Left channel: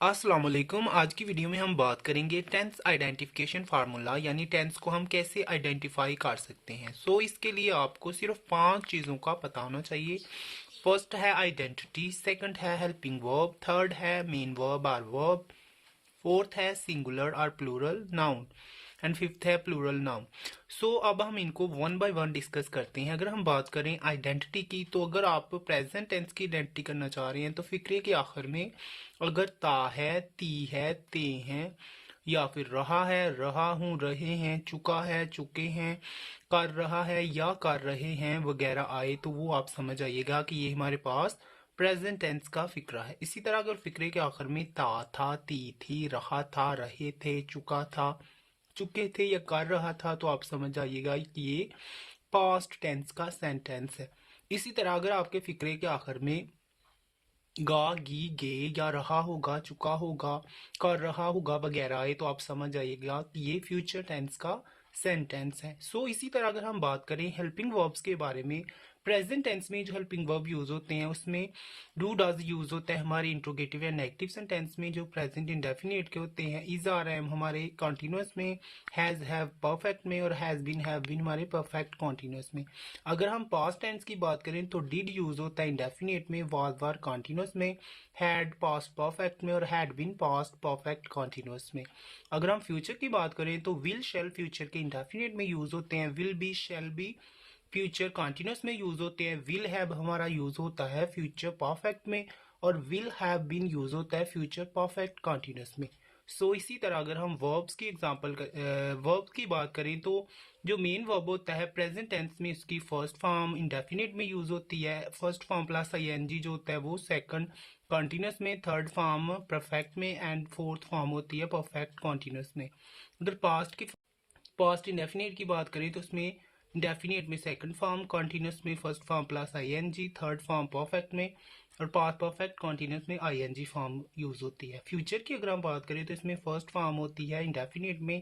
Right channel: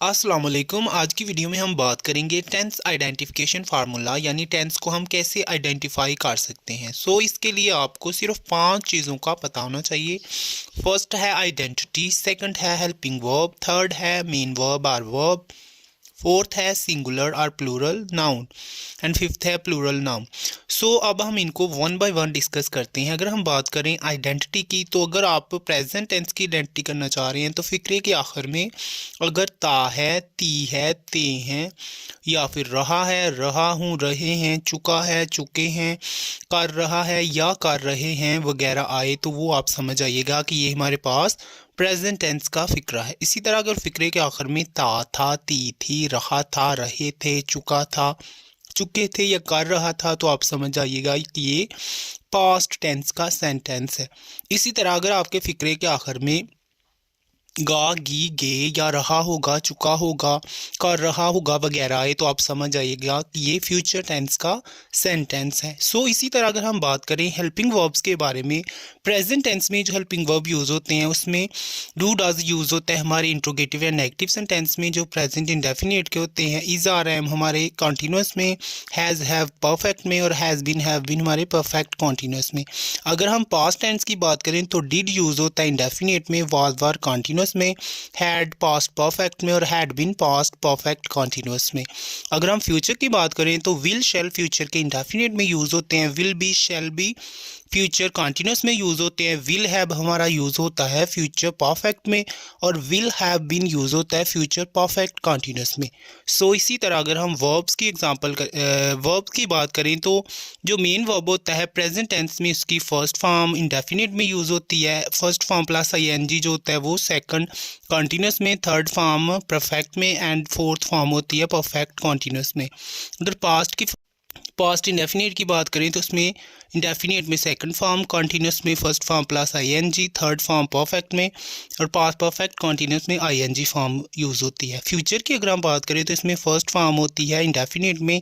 अस्सलाम वालेकुम। आज की वीडियो में हम बात करेंगे टेंस आइडेंटिफिकेशन फार्मूला, यानी टेंस को हम कैसे आइडेंटिफाई कर सकते हैं। इसके लिए आपको सिर्फ 5 चीज़ों का पता होना चाहिए। फर्स्ट है आइडेंटिटी, सेकंड है हेल्पिंग वर्ब, थर्ड है मेन वर्ब और वर्ब, फोर्थ है सिंगुलर और प्लूरल नाउन एंड फिफ्थ है प्लूरल नाउन। अब हम इनको वन बाय वन डिस्कस करते हैं। अगर हम बात करें आइडेंटिटी की, तो अगर आप प्रेजेंट टेंस की आइडेंटिटी करना चाह रहे हैं तो फिक्रे के आखिर में अगर ता है, ती है, ते हैं, या फिर रहा है, रहा हूँ, रहे हैं, चुका है, चुके हैं, कर रहा है या कर रहे हैं वगैरह आए तो वो आप समझ आइएगा कि ये हमारे पास प्रेजेंट टेंस का फिक्रा है। इसी तरह अगर फिक्रे के आखिर में ता था, ती थी, रहा था, रहे थे, चुका था, चुके थे या कर रहा था तो आप समझ जाइएगा कि ये पास्ट टेंस का सेंटेंस है। इसी तरह अगर आपके फिक्रे के आखिर में गा, गी, गे या रहा होगा, चुका होगा, कर रहा होगा वगैरह आए तो आप समझ आइएगा कि ये फ्यूचर टेंस का सेंटेंस है। इसी तरह अगर हम बात करें हेल्पिंग वर्ब्स के बारे में, प्रेजेंट टेंस में जो हेल्पिंग वर्ब यूज़ होते हैं उसमें डू डज यूज़ होता है हमारे इंट्रोगेटिव या नेगेटिव सेंटेंस में। जो प्रेजेंट इंडेफिनिट के होते हैं इज आर एम हमारे कॉन्टिन्यूस में, हैज़ हैव परफेक्ट में और हैज़ बीन हमारे परफेक्ट कॉन्टिन्यूस में। अगर हम पास्ट टेंस की बात करें तो डिड यूज़ होता है इंडेफिनिट में, वाज वर कॉन्टिन्यूस में, हैड पास्ट परफेक्ट में और had been past perfect continuous में। अगर हम फ्यूचर की बात करें तो विल शैल फ्यूचर के इंडेफिनिट में यूज़ होते हैं, will be, shall be future continuous में यूज़ होते हैं, विल हैव हमारा यूज़ होता है फ्यूचर परफेक्ट में और विल हैव बीन यूज़ होता है फ्यूचर परफेक्ट कॉन्टिन्यूस में। इसी तरह अगर हम वर्ब्स की वर्ब्स की बात करें तो जो मेन वर्ब होता है प्रेजेंट टेंस में उसकी फर्स्ट फॉर्म इंडेफिनिट में यूज़ होती है, फर्स्ट फॉर्म प्लस आईएनजी जो होता है वो सेकंड कॉन्टिन्यूस में, थर्ड फॉर्म परफेक्ट में एंड फोर्थ फॉर्म होती है परफेक्ट कॉन्टिन्यूस में। अगर पास्ट इंडेफिनिट की बात करें तो उसमें इंडेफिनिट में सेकंड फॉर्म, कॉन्टिन्यूस में first form plus ING, third form perfect में और पास्ट परफेक्ट कॉन्टिन्यूस में आईएनजी फॉर्म यूज़ होती है। फ्यूचर की अगर हम बात करें तो इसमें फर्स्ट फॉर्म होती है इंडेफिनिट में,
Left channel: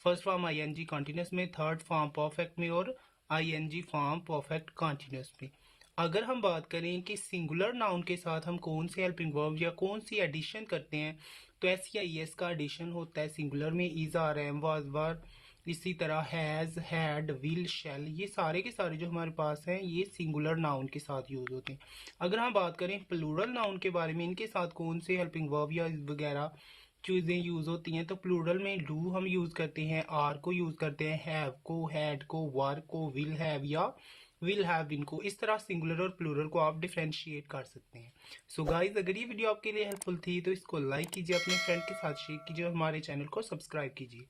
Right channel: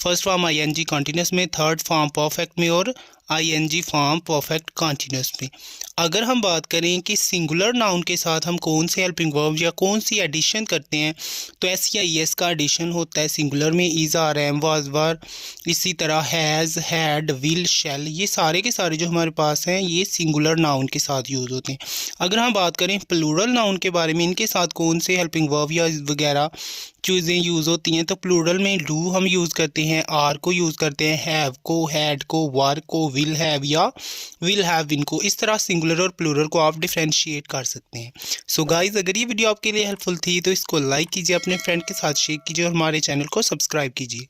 फर्स्ट फॉर्म आईएनजी कॉन्टिन्यूस में, थर्ड फॉर्म परफेक्ट में और आईएनजी फॉर्म परफेक्ट कॉन्टिन्यूस में। अगर हम बात करें कि सिंगुलर नाउन के साथ हम कौन से हेल्पिंग वर्ब या कौन सी एडिशन करते हैं तो एस या एस का एडिशन होता है सिंगुलर में, इज, आर, एम, वाज, वर, इसी तरह हैज़, हैड, विल, शैल, ये सारे के सारे जो हमारे पास हैं ये सिंगुलर नाउन के साथ यूज़ होते हैं। अगर हम बात करें प्लूरल नाउन के बारे में, इनके साथ कौन से हेल्पिंग वर्ब या वगैरह चीज़ें यूज़ होती हैं तो प्लूरल में डू हम यूज़ करते हैं, आर को यूज़ करते हैं, हैव को, हैड को, वर को, विल हैव या विल हैव इनको। इस तरह सिंगुलर और प्लूरल को आप डिफ्रेंशिएट कर सकते हैं। गाइज, अगर ये वीडियो आपके लिए हेल्पफुल थी तो इसको लाइक कीजिए, अपने फ्रेंड के साथ शेयर कीजिए और हमारे चैनल को सब्सक्राइब कीजिए।